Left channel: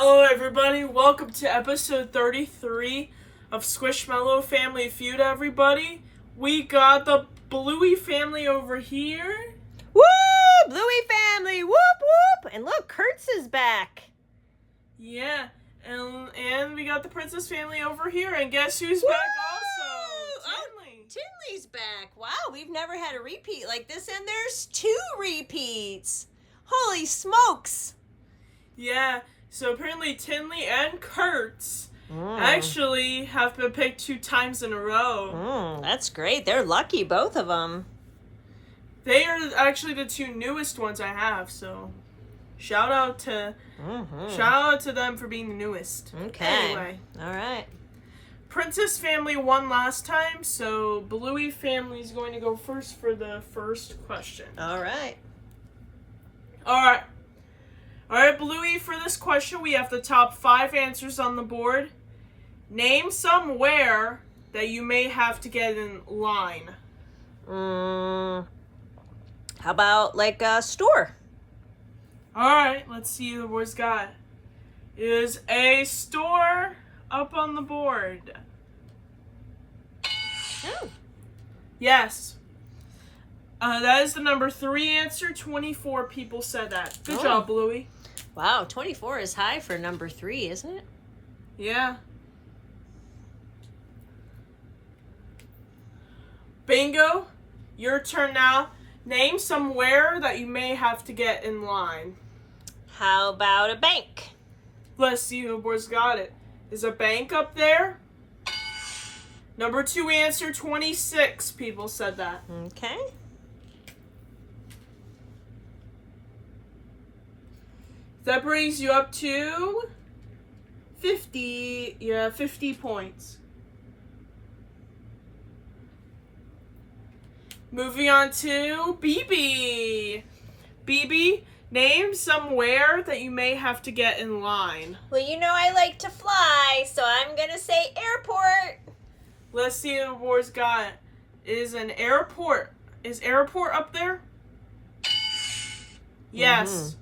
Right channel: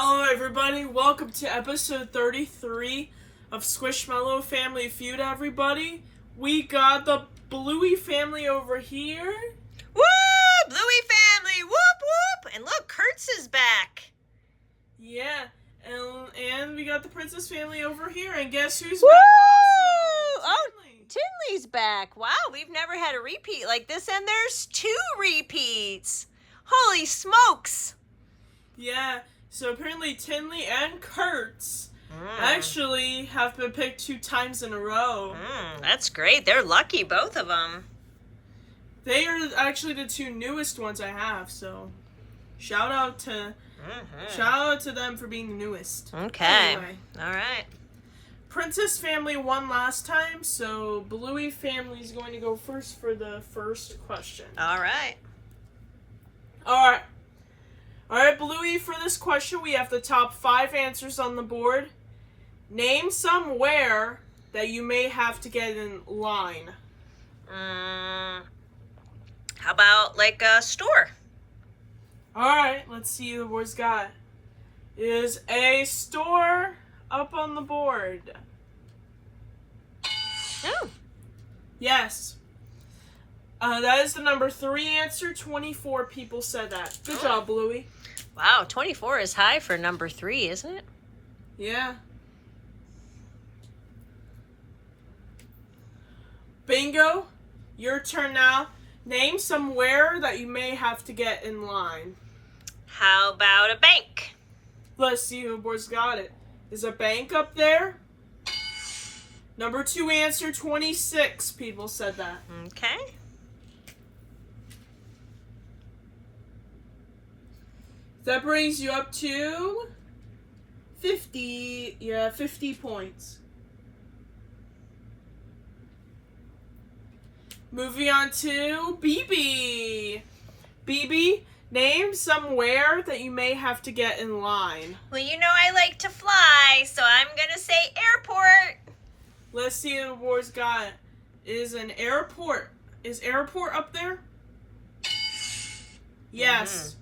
Hello everybody, welcome to episode 33 of SquishMallow Family Feud, everybody. We got the Bluey family over here. Woo! Bluey family! Whoop whoop! And look, Kurtz is back. Yeah, and we got the Princess family over here, and guess who's Woo! back also? Tinley. Tinley's back. Wow, we've never had a repeat like this, and there's 2 repeats. Holy smokes! Yeah, so apparently Tinley and Kurtz actually have been picked 2 times in a row. That's great. They're lucky, both of them. They are actually the 2 newest ones I have, so shout out to them for being the newest. Okay. Anyway, all right. Princess family won last time, so Bluey family is going to go first for the first question. All right. All right, Bluey, for this question, we have the top 5 answers on the board. Name somewhere that you may have to get in line. How about like a store? All right, let's see the board's got. Is a store up on the board? Oh. Yes. That is the number 3 answer. 24 people said that. Good job, Bluey. Wow, 24 is high for number 3, isn't it? Yeah. Bingo. Your turn now. Name somewhere that you may have to get in line. How about a bank? Let's see who boys got it. Is a bank up there? Number 2 answer, 26 people said that. Okay. That brings you up to 50. Yeah, 50 points. Moving on to BB. BB, name somewhere that you may have to get in line. Well, you know I like to fly, so I'm going to say airport. Let's see if the board's got it. Is an airport. Is airport up there? Yes.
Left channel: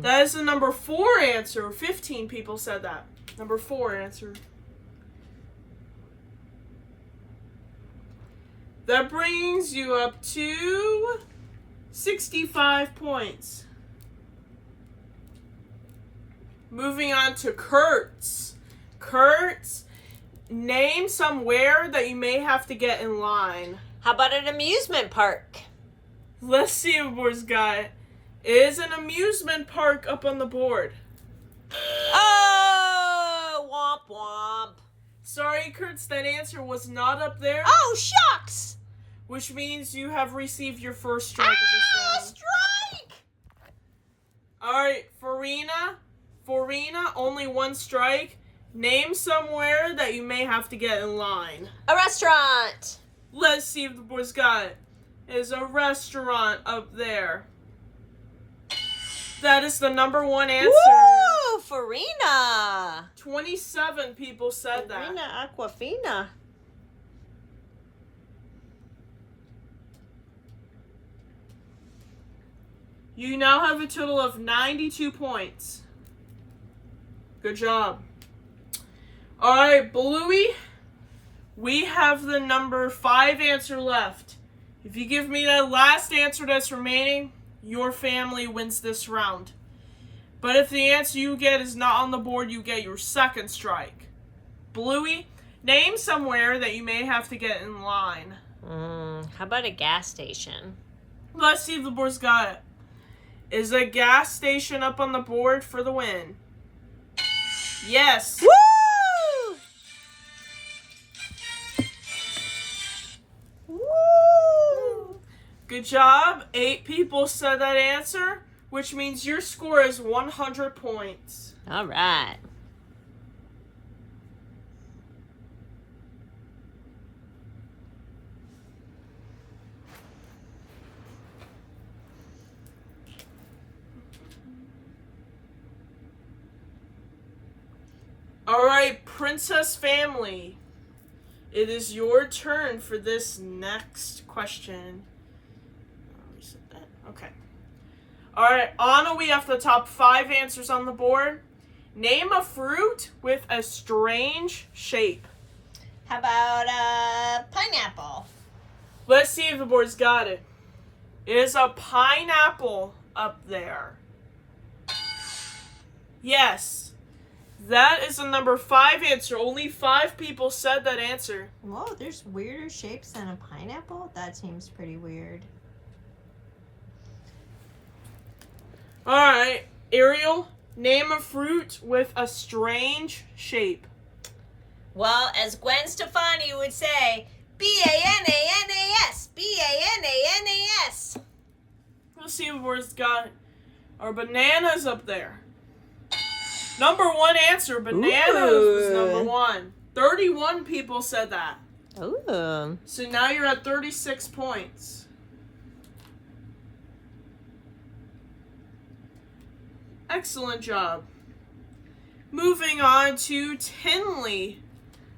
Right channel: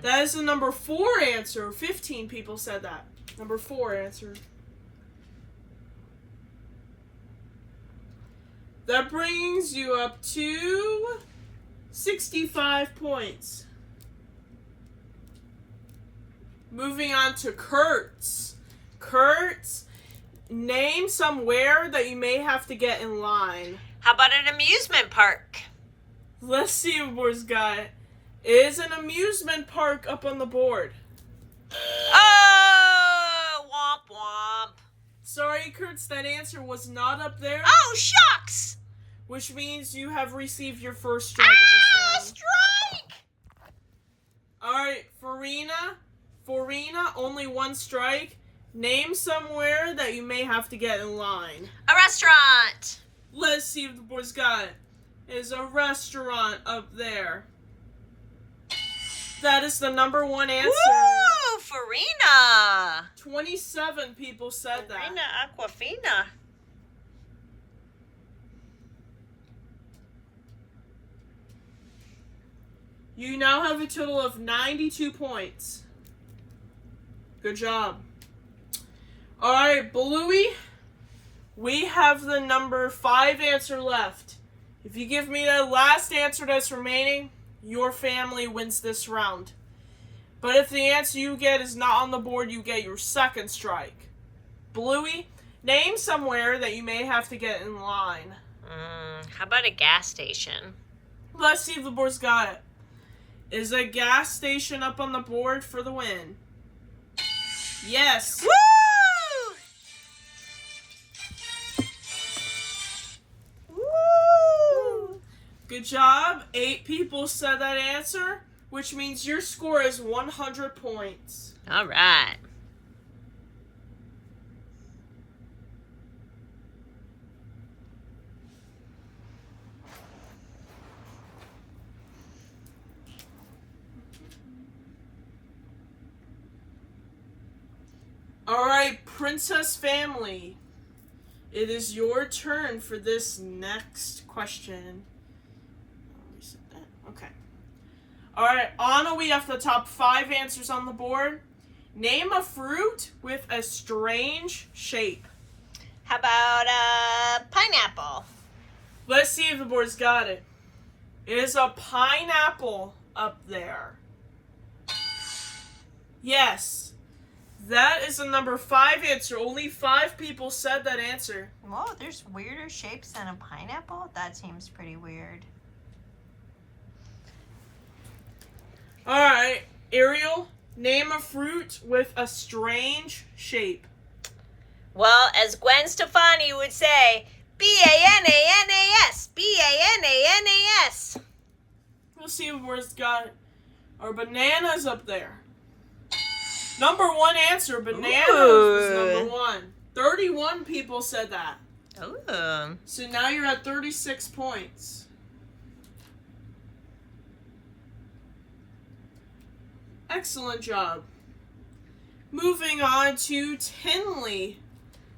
That is the number 4 answer. 15 people said that. Number 4 answer. That brings you up to 65 points. Moving on to Kurtz. Kurtz, name somewhere that you may have to get in line. How about an amusement park? Let's see if the board's got it. Is an amusement park up on the board? Oh, womp womp. Sorry, Kurtz, that answer was not up there. Oh, shucks. Which means you have received your first strike of this round. Strike! Alright, Farina, only 1 strike. Name somewhere that you may have to get in line. A restaurant. Let's see if the boys got it. Is a restaurant up there. That is the number 1 answer. Woo! Farina. 27 people said that. Farina Aquafina. You now have a total of 92 points. Good job. Alright, Bluey, we have the number 5 answer left. If you give me that last answer that's remaining, your family wins this round. But if the answer you get is not on the board, you get your second strike. Bluey, name somewhere that you may have to get in line. How about a gas station? Let's see if the board's got it. Is a gas station up on the board for the win? Yes. Woo! Woo! Good job. 8 people said that answer, which means your score is 100 points. All right. Alright, Princess family. It is your turn for this next question. Reset that. Okay. Alright, Anna, we have the top 5 answers on the board. Name a fruit with a strange shape. How about pineapple? Let's see if the board's got it. It is a pineapple up there. Yes. That is the number 5 answer. Only 5 people said that answer. Whoa, there's weirder shapes than a pineapple? That seems pretty weird. Alright, Ariel, name a fruit with a strange shape. Well, as Gwen Stefani would say, B-A-N-A-N-A-S, B-A-N-A-N-A-S. Let's see if we've got it. Our bananas up there. Number 1 answer, bananas was number 1. 31 people said that. Ooh. So now you're at 36 points. Excellent job. Moving on to Tinley.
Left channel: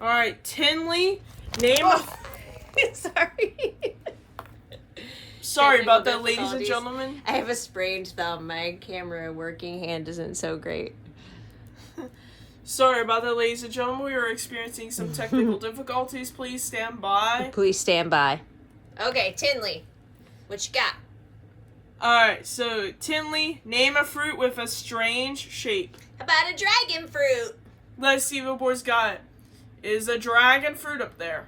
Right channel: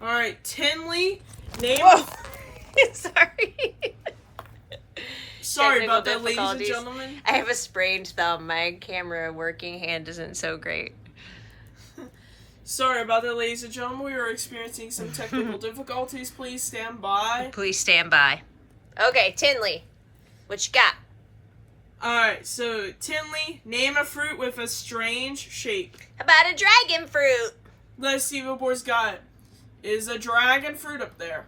Alright, Tinley, name of... Sorry. Sorry about that, Technical ladies and difficulties. gentlemen. I have a sprained thumb. My camera working hand isn't so great. Sorry about that, ladies and gentlemen. We are experiencing some technical difficulties. Please stand by. Please stand by. Okay, Tinley, what you got? Alright, so Tinley, name a fruit with a strange shape. How about a dragon fruit? Let's see what board's got it. Is a dragon fruit up there?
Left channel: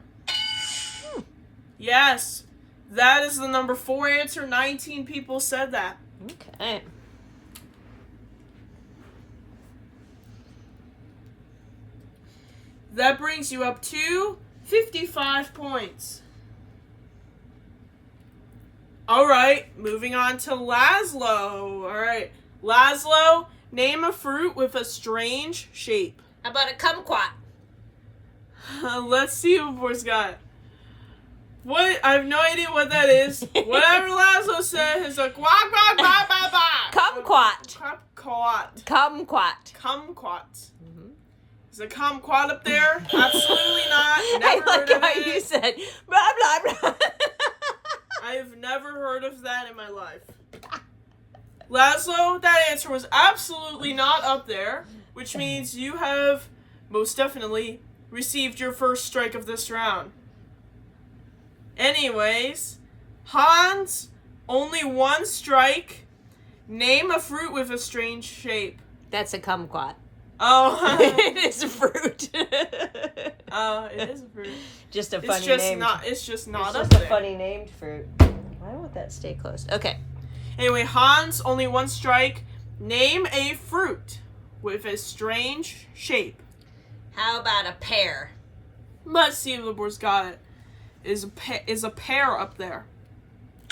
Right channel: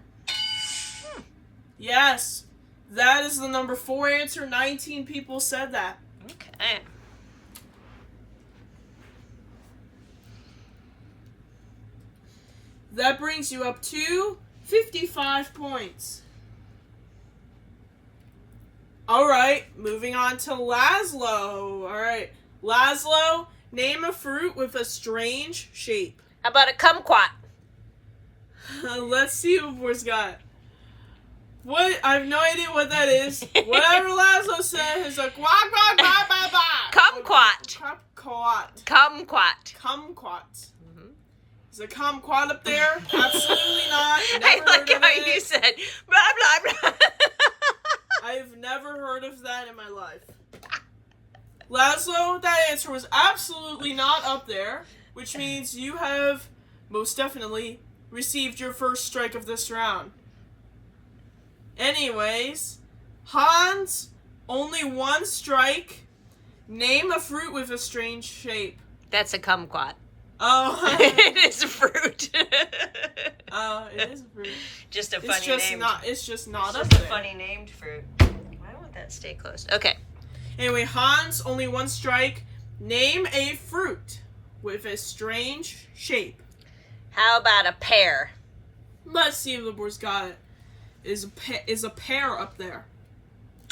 Yes. That is the number 4 answer. 19 people said that. Okay. That brings you up to 55 points. Alright, moving on to Laszlo. Alright, Laszlo, name a fruit with a strange shape. How about a kumquat? Let's see what boys got. What? I have no idea what that is. Whatever Laszlo said is a quack quack quack quack quack. Kumquat. Kumquat. Kumquat. Kumquat. Is a kumquat up there? Absolutely not. Never I like heard of how it. you said blah blah blah. I've never heard of that in my life. Laszlo, that answer was absolutely not up there, which means you have most definitely received your first strike of this round. Anyways, Hans, only 1 strike. Name a fruit with a strange shape. That's a kumquat. Oh, It is a fruit. it is a fruit. Just a It's funny just name. not. It's just not It's up just a there. funny named fruit. Why won't that stay closed? Okay. Anyway, Hans, only 1 strike. Name a fruit with a strange shape. How about a pear? Let's see if the board's got it. Is a pear up there?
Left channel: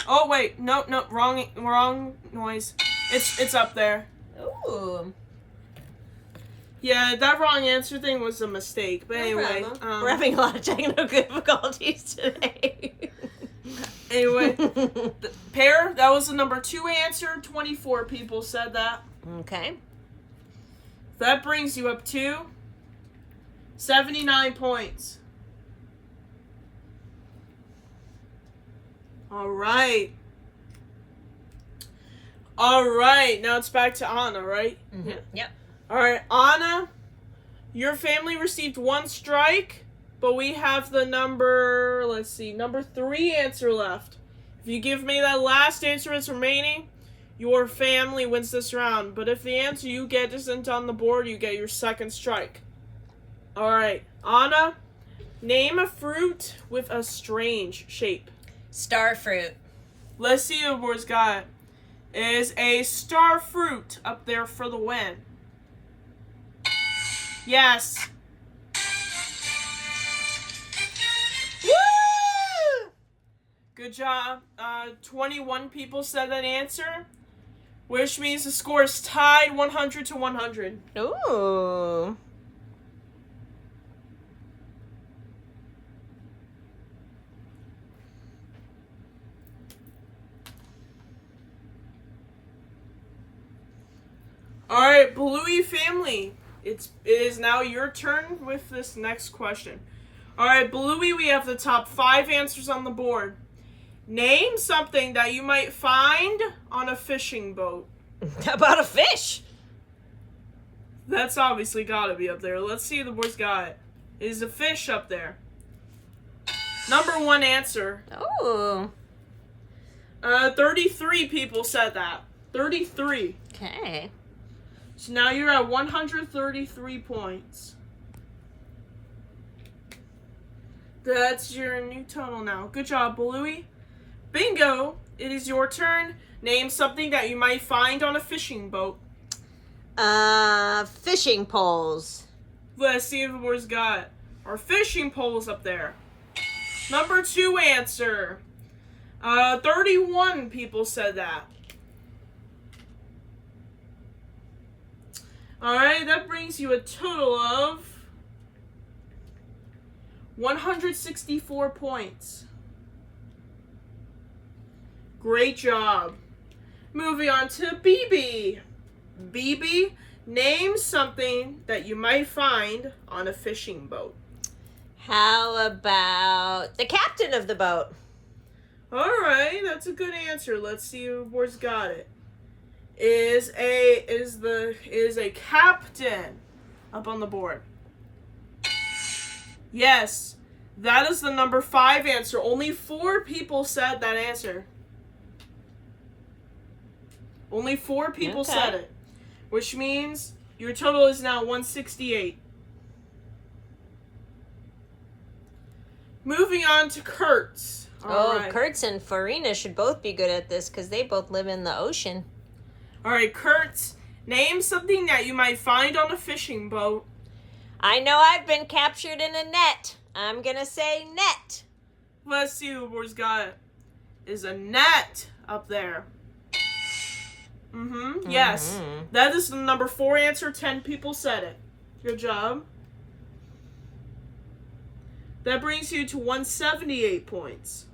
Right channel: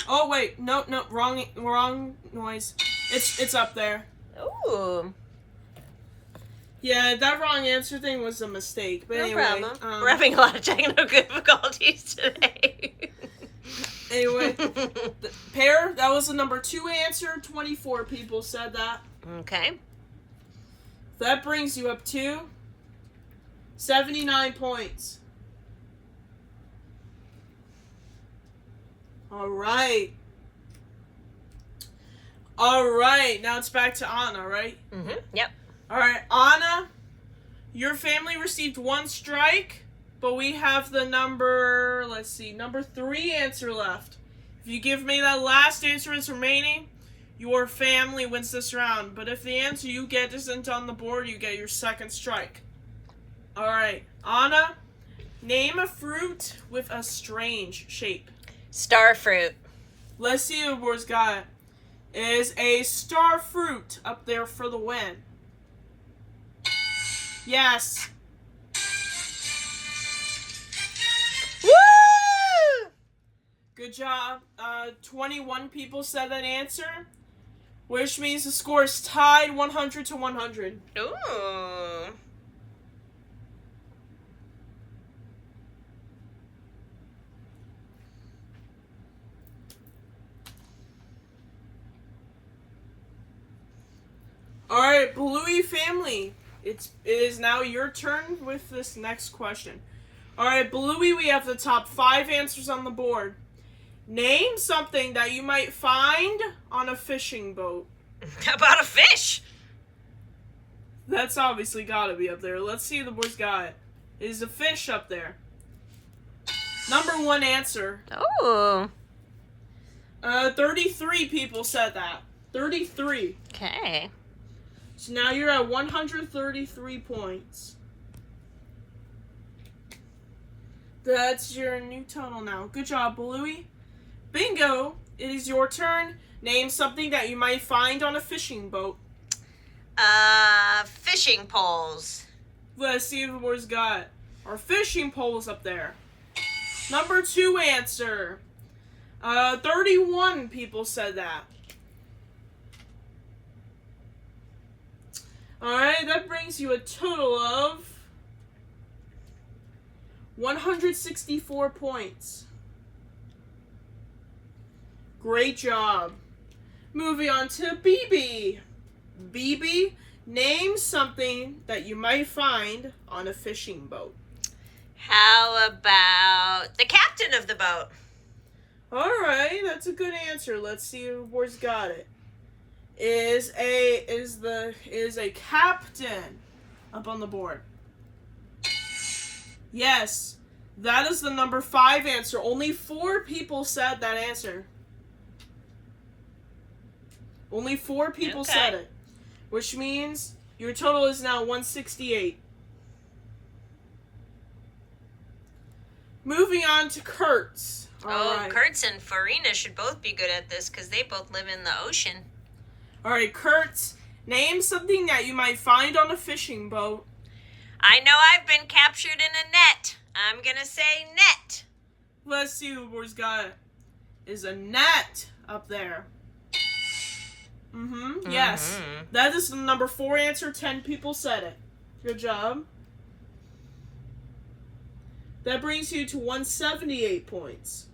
Oh wait, no, wrong noise. It's up there. Ooh. Yeah, that wrong answer thing was a mistake. But No anyway, problem. We're having a lot of technical difficulties today. Anyway, the pear, that was the number 2 answer. 24 people said that. Okay. That brings you up to 79 points. All right. Now it's back to Anna, right? Mm-hmm. Yep. All right, Anna, your family received 1 strike, but we have the number 3 answer left. If you give me that last answer that's remaining, your family wins this round. But if the answer you get isn't on the board, you get your 2nd strike. All right, Anna, name a fruit with a strange shape. Star fruit. Let's see what board's got. Is a star fruit up there for the win? Yes. Woo! Good job. 21 people said that answer, which means the score is tied 100 to 100. Ooh. All right, Bluey family. It is now your turn with this next question. All right, Bluey, we have the top 5 answers on the board. Name something that you might find on a fishing boat. How about a fish? That's obviously gotta be up there. Let's see if the boys got it. Is a fish up there? Number 1 answer. Oh. 33 people said that. 33. Okay. So now you're at 133 points. That's your new total now. Good job, Bluey. Bingo! It is your turn. Name something that you might find on a fishing boat. Fishing poles. Let's see if the boys got our fishing poles up there. Number 2 answer. 31 people said that. Alright, that brings you a total of 164 points. Great job. Moving on to BB. BB, name something that you might find on a fishing boat. How about the captain of the boat? Alright, that's a good answer. Let's see if the boys got it. Is a captain up on the board. Yes, that is the number 5 answer. Only 4 people said that answer. Only 4 people said it, which means your total is now 168. Moving on to Kurtz. All right. Kurtz and Farina should both be good at this because they both live in the ocean. All right, Kurtz, name something that you might find on a fishing boat. I know I've been captured in a net. I'm going to say net. Let's see who boys got it. Is a net up there. Yes. That is the number 4 answer. 10 people said it. Good job. That brings you to 178 points.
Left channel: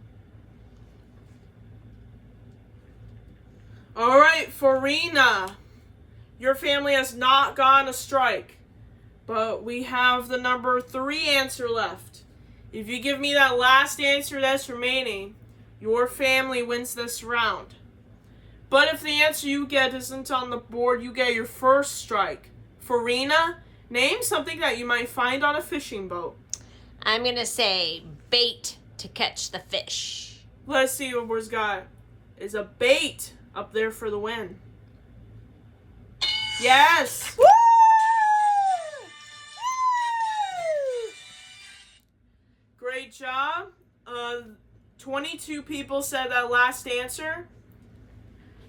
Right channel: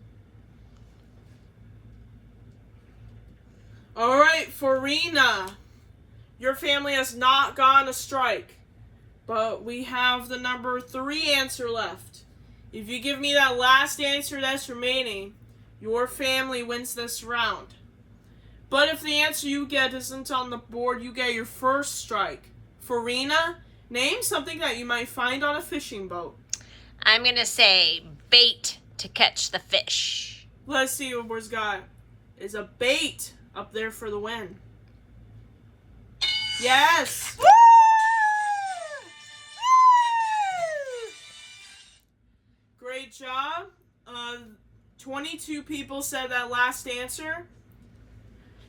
All right, Farina. Your family has not gone a strike, but we have the number 3 answer left. If you give me that last answer that's remaining, your family wins this round. But if the answer you get isn't on the board, you get your first strike. Farina, name something that you might find on a fishing boat. I'm going to say bait to catch the fish. Let's see what we've got. Is a bait up there for the win. Yes! Woo! Great job. 22 people said that last answer,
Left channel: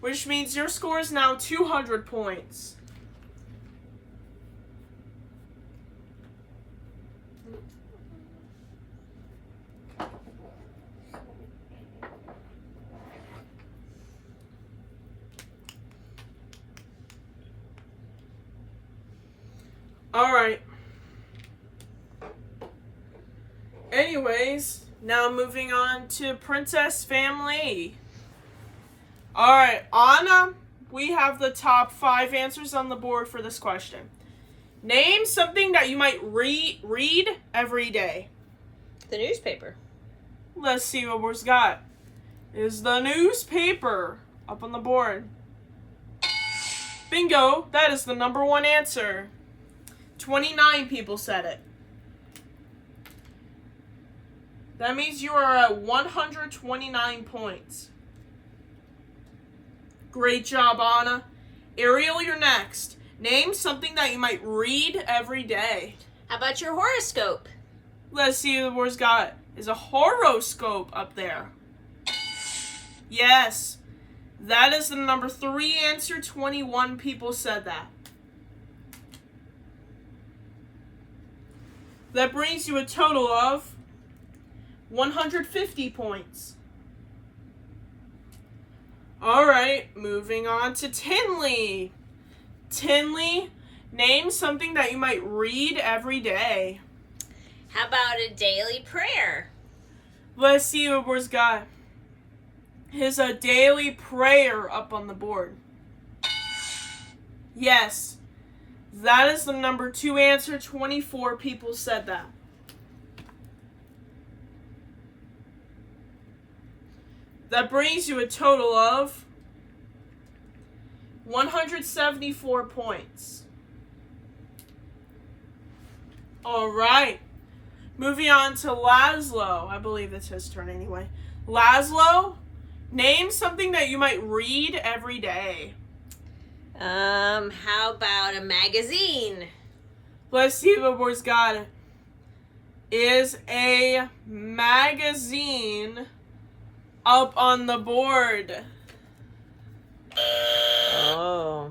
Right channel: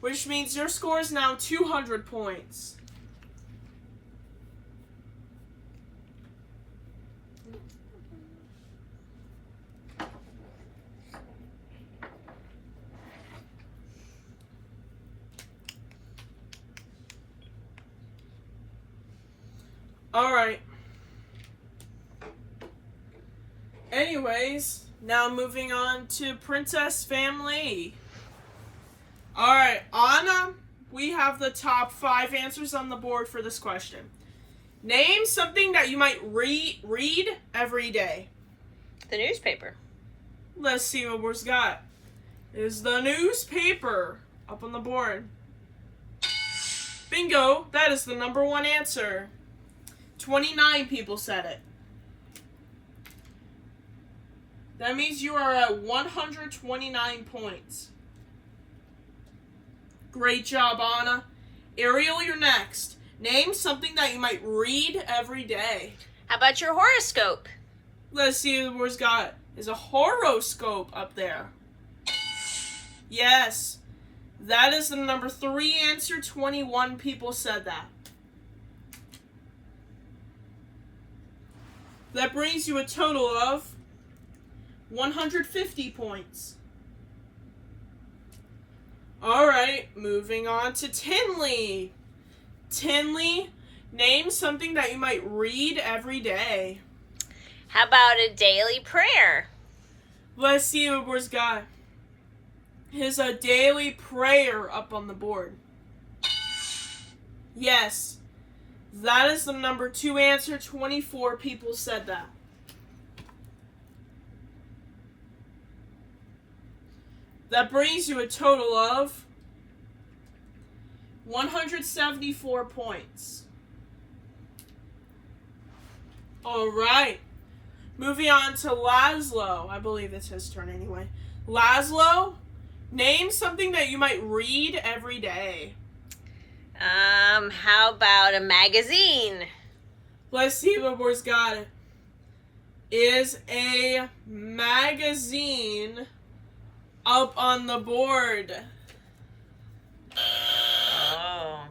which means your score is now 200 points. All right. Anyways, now moving on to Princess Family. All right, Anna, we have the top 5 answers on the board for this question. Name something that you might read every day. The newspaper. Let's see what we've got. Is the newspaper up on the board? Bingo, that is the number 1 answer. 29 people said it. That means you are at 129 points. Great job, Anna. Ariel, you're next. Name something that you might read every day. How about your horoscope? Let's see what we've got. Is a horoscope up there? Yes. That is the number 3 answer. 21 people said that. That brings you a total of 150 points. All right, moving on to Tinley. Tinley, name something that you might read every day. How about a daily prayer? Let's see what we've got. Is a daily prayer up on the board? Yes. That is the number 2 answer. 24 people said that. That brings you a total of 174 points. All right. Moving on to Laszlo. I believe it's his turn anyway. Laszlo, name something that you might read every day. How about a magazine? Let's see if the board's got it. Is a magazine up on the board? Oh.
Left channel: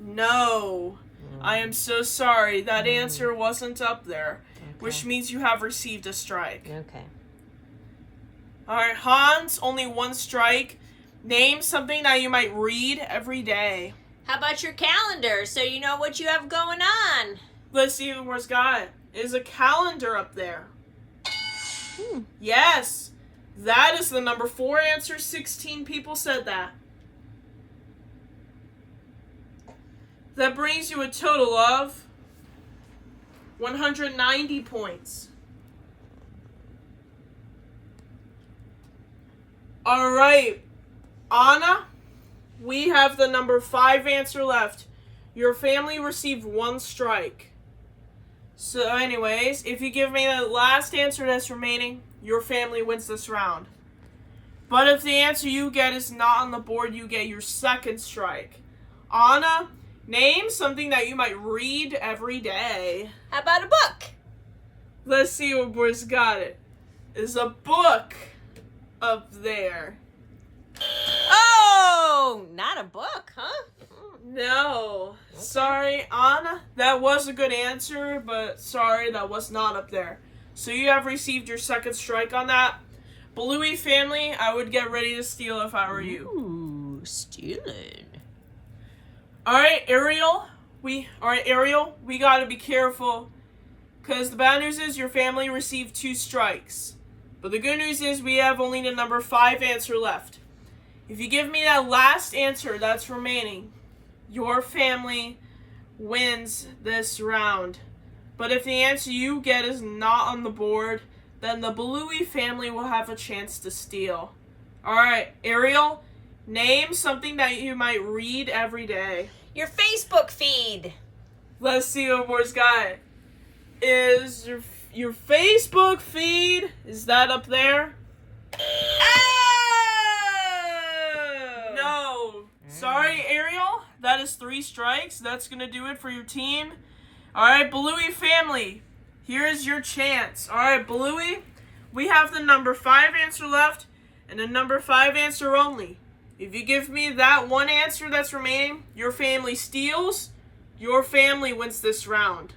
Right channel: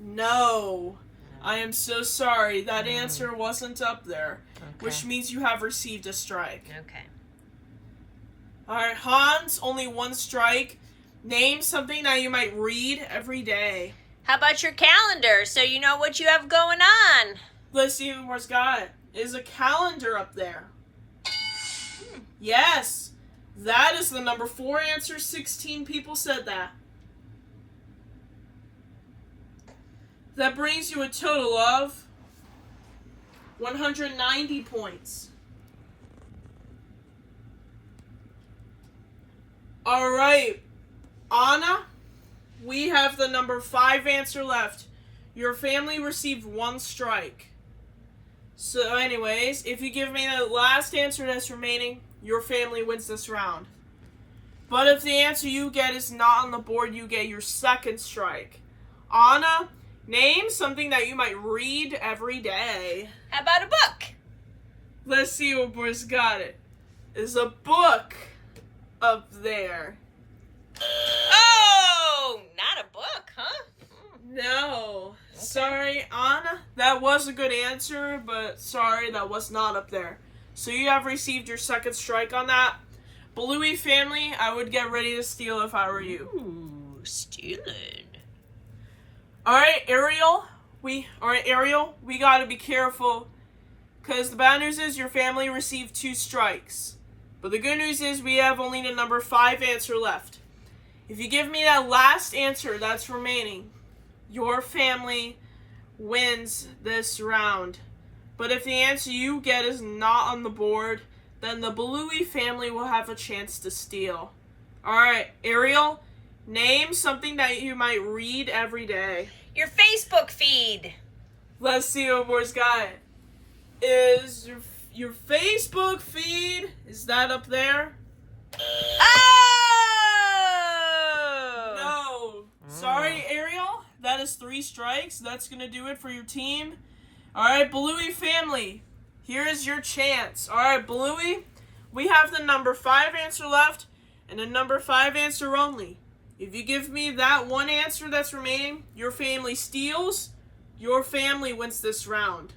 No. I am so sorry. That answer wasn't up there, which means you have received a strike. Okay. All right, Hans, only one strike. Name something that you might read every day. How about your calendar so you know what you have going on? Let's see who has got it. Is a calendar up there? Yes. That is the number 4 answer. 16 people said that. That brings you a total of 190 points. All right, Anna, we have the number 5 answer left. Your family received 1 strike. So anyways, if you give me the last answer that's remaining, your family wins this round. But if the answer you get is not on the board, you get your 2nd strike. Anna, name something that you might read every day. How about a book? Let's see what boys got it. Is a book up there? Oh, not a book, huh? No. Sorry, Anna. That was a good answer, but sorry, that was not up there. So you have received your 2nd strike on that. Bluey family, I would get ready to steal if I were you. Ooh, stealing. Alright, Ariel, we gotta be careful. Because the bad news is your family received 2 strikes. But the good news is we have only the number 5 answer left. If you give me that last answer that's remaining, your family wins this round. But if the answer you get is not on the board, then the Bluey family will have a chance to steal. Alright, Ariel, name something that you might read every day. Your Facebook feed. Let's see what boys got. Is your Facebook feed, is that up there? Oh! No. Sorry, Ariel. That is 3 strikes. That's going to do it for your team. All right, Bluey family. Here's your chance. All right, Bluey. We have the number 5 answer left and a number 5 answer only. If you give me that one answer that's remaining, your family steals. Your family wins this round.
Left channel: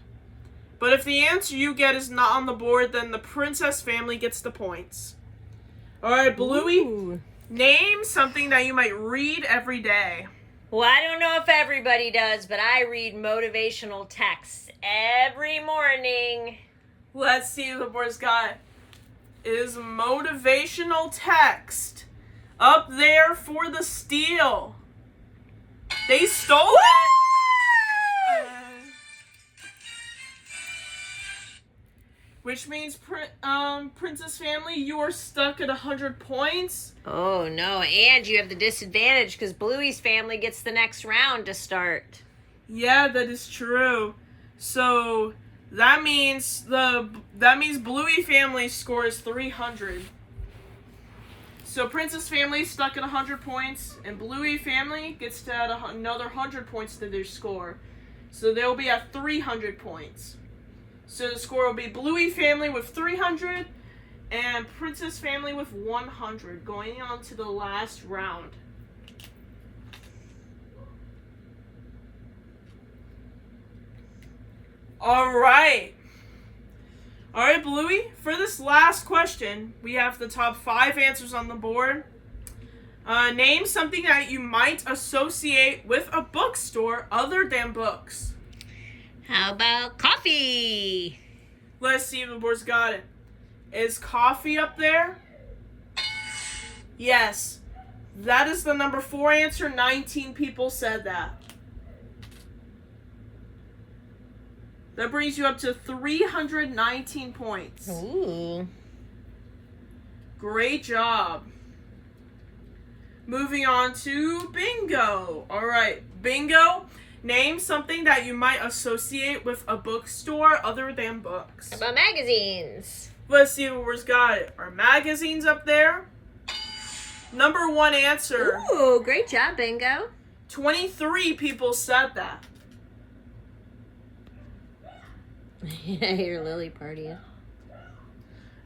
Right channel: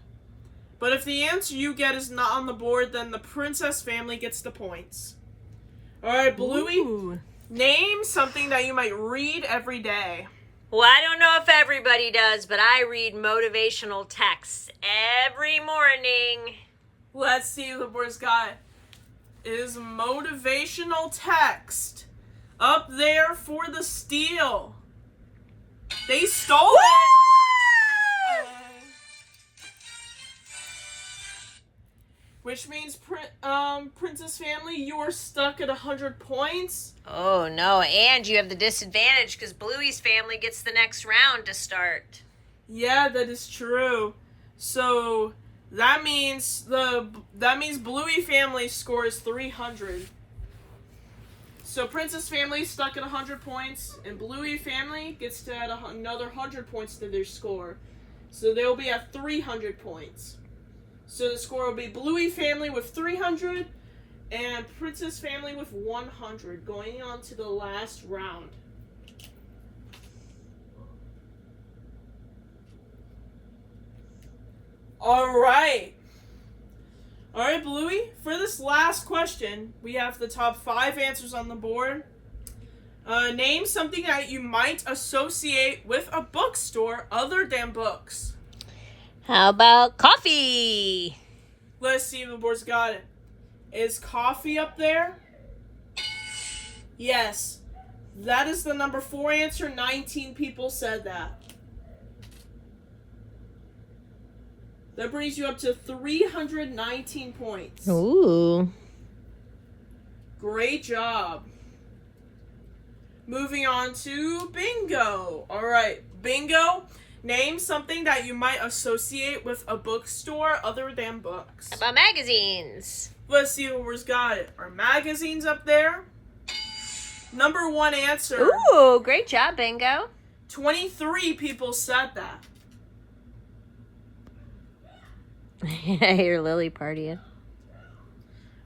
But if the answer you get is not on the board, then the princess family gets the points. All right, Bluey. Ooh. Name something that you might read every day. Well, I don't know if everybody does, but I read motivational texts every morning. Let's see what the boys got. Is motivational text up there for the steal? They stole it. Which means, Princess family, you are stuck at 100 points. Oh, no, and you have the disadvantage because Bluey's family gets the next round to start. Yeah, that is true. So that means Bluey family scores 300. So Princess family is stuck at 100 points, and Bluey family gets to add another 100 points to their score. So they'll be at 300 points. So the score will be Bluey family with 300 and Princess family with 100 going on to the last round. All right, Bluey, for this last question, we have the top 5 answers on the board. Name something that you might associate with a bookstore other than books. How about coffee? Let's see if the board's got it. Is coffee up there? Yes. That is the number 4 answer. 19 people said that. That brings you up to 319 points. Ooh. Great job. Moving on to bingo. All right, bingo. Name something that you might associate with a bookstore other than books. How about magazines? Let's see what we've got. Are magazines up there? Number 1 answer. Ooh, great job, Bingo. 23 people said that. I hear Lily partying.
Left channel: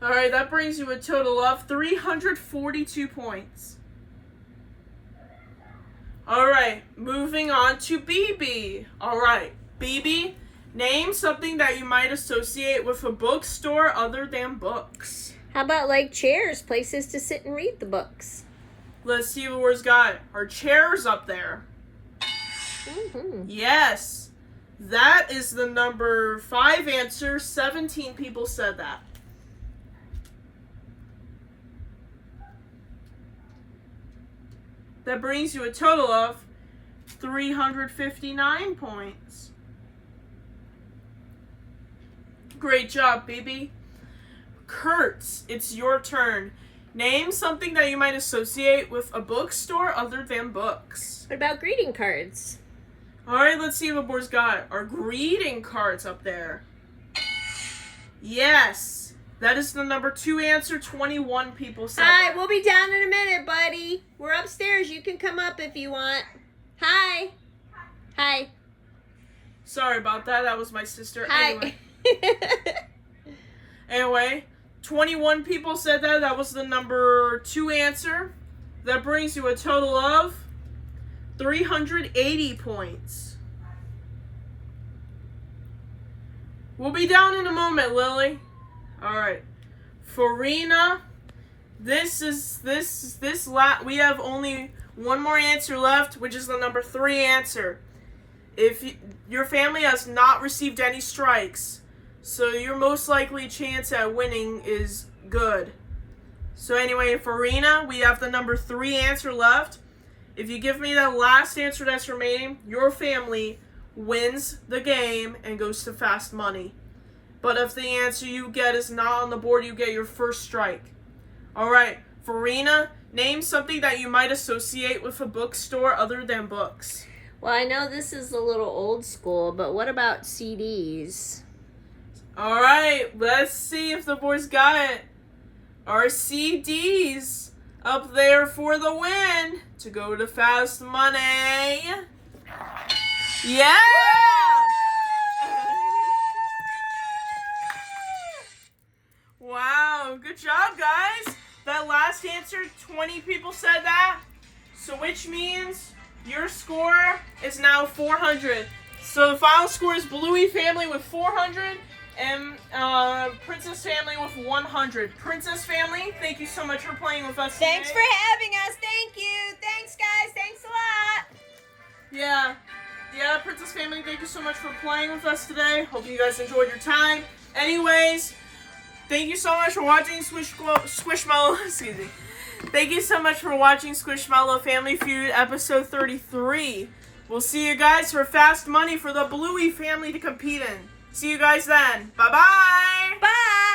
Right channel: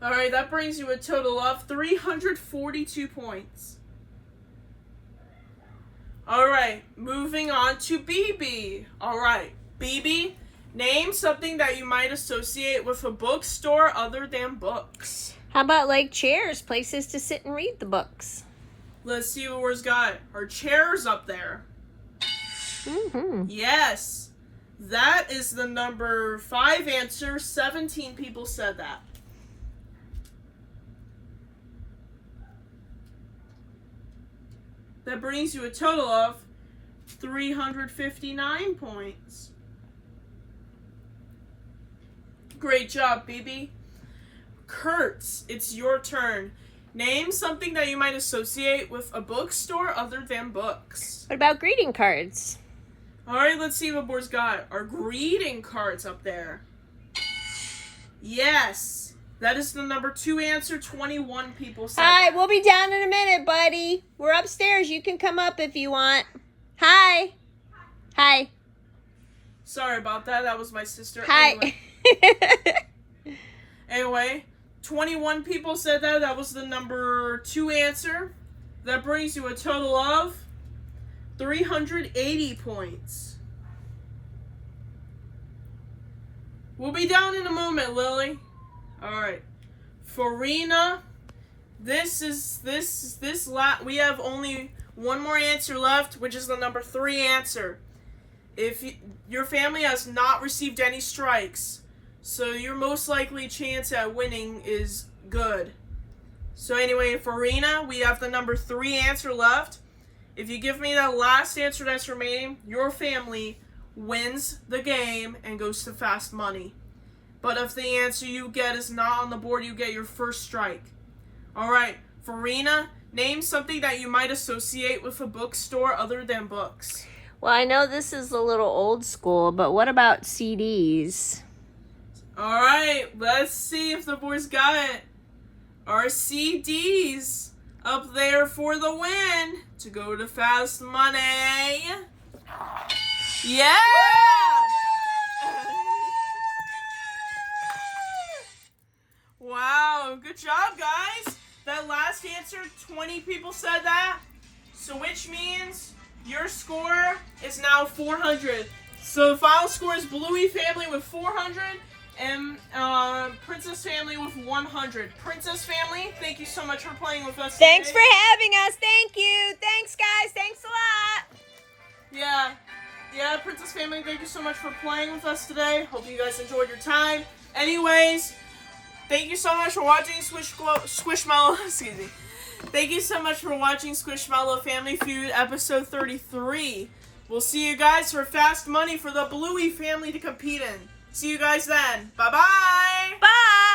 All right, that brings you a total of 342 points. All right, moving on to BB. All right, BB, name something that you might associate with a bookstore other than books. How about like chairs, places to sit and read the books? Let's see what we've got. Are chairs up there? Mm-hmm. Yes. That is the number 5 answer. 17 people said that. That brings you a total of 359 points. Great job, BB. Kurtz, it's your turn. Name something that you might associate with a bookstore other than books. What about greeting cards? All right, let's see what Board's got. Are greeting cards up there? Yes. That is the number 2 answer. 21 people said Hi, that. we'll be down in a minute, buddy. We're upstairs. You can come up if you want. Hi. Hi. Sorry about that. That was my sister. Hi. Anyway, 21 people said that. That was the number 2 answer. That brings you a total of 380 points. We'll be down in a moment, Lily. All right. Farina, we have only one more answer left, which is the number 3 answer. If your family has not received any strikes, so your most likely chance at winning is good. So anyway, Farina, we have the number 3 answer left. If you give me that last answer that's remaining, your family wins the game and goes to fast money. But if the answer you get is not on the board, you get your first strike. All right, Farina, name something that you might associate with a bookstore other than books. Well, I know this is a little old school, but what about CDs? All right, let's see if the boys got it. Are CDs up there for the win to go to fast money? Yeah! Wow, good job, guys. That last answer, 20 people said that. So which means your score is now 400. So the final score is Bluey family with 400 and Princess family with 100. Princess family, thank you so much for playing with us Thanks today. for having us. Thank you. Thanks, guys. Thanks a lot. Yeah, Princess family, thank you so much for playing with us today. Hope you guys enjoyed your time. Anyways, thank you so much for watching SquishMallow. Excuse me. Thank you so much for watching SquishMallow Family Feud episode 33. We'll see you guys for fast money for the Bluey family to compete in. See you guys then. Bye-bye. Bye.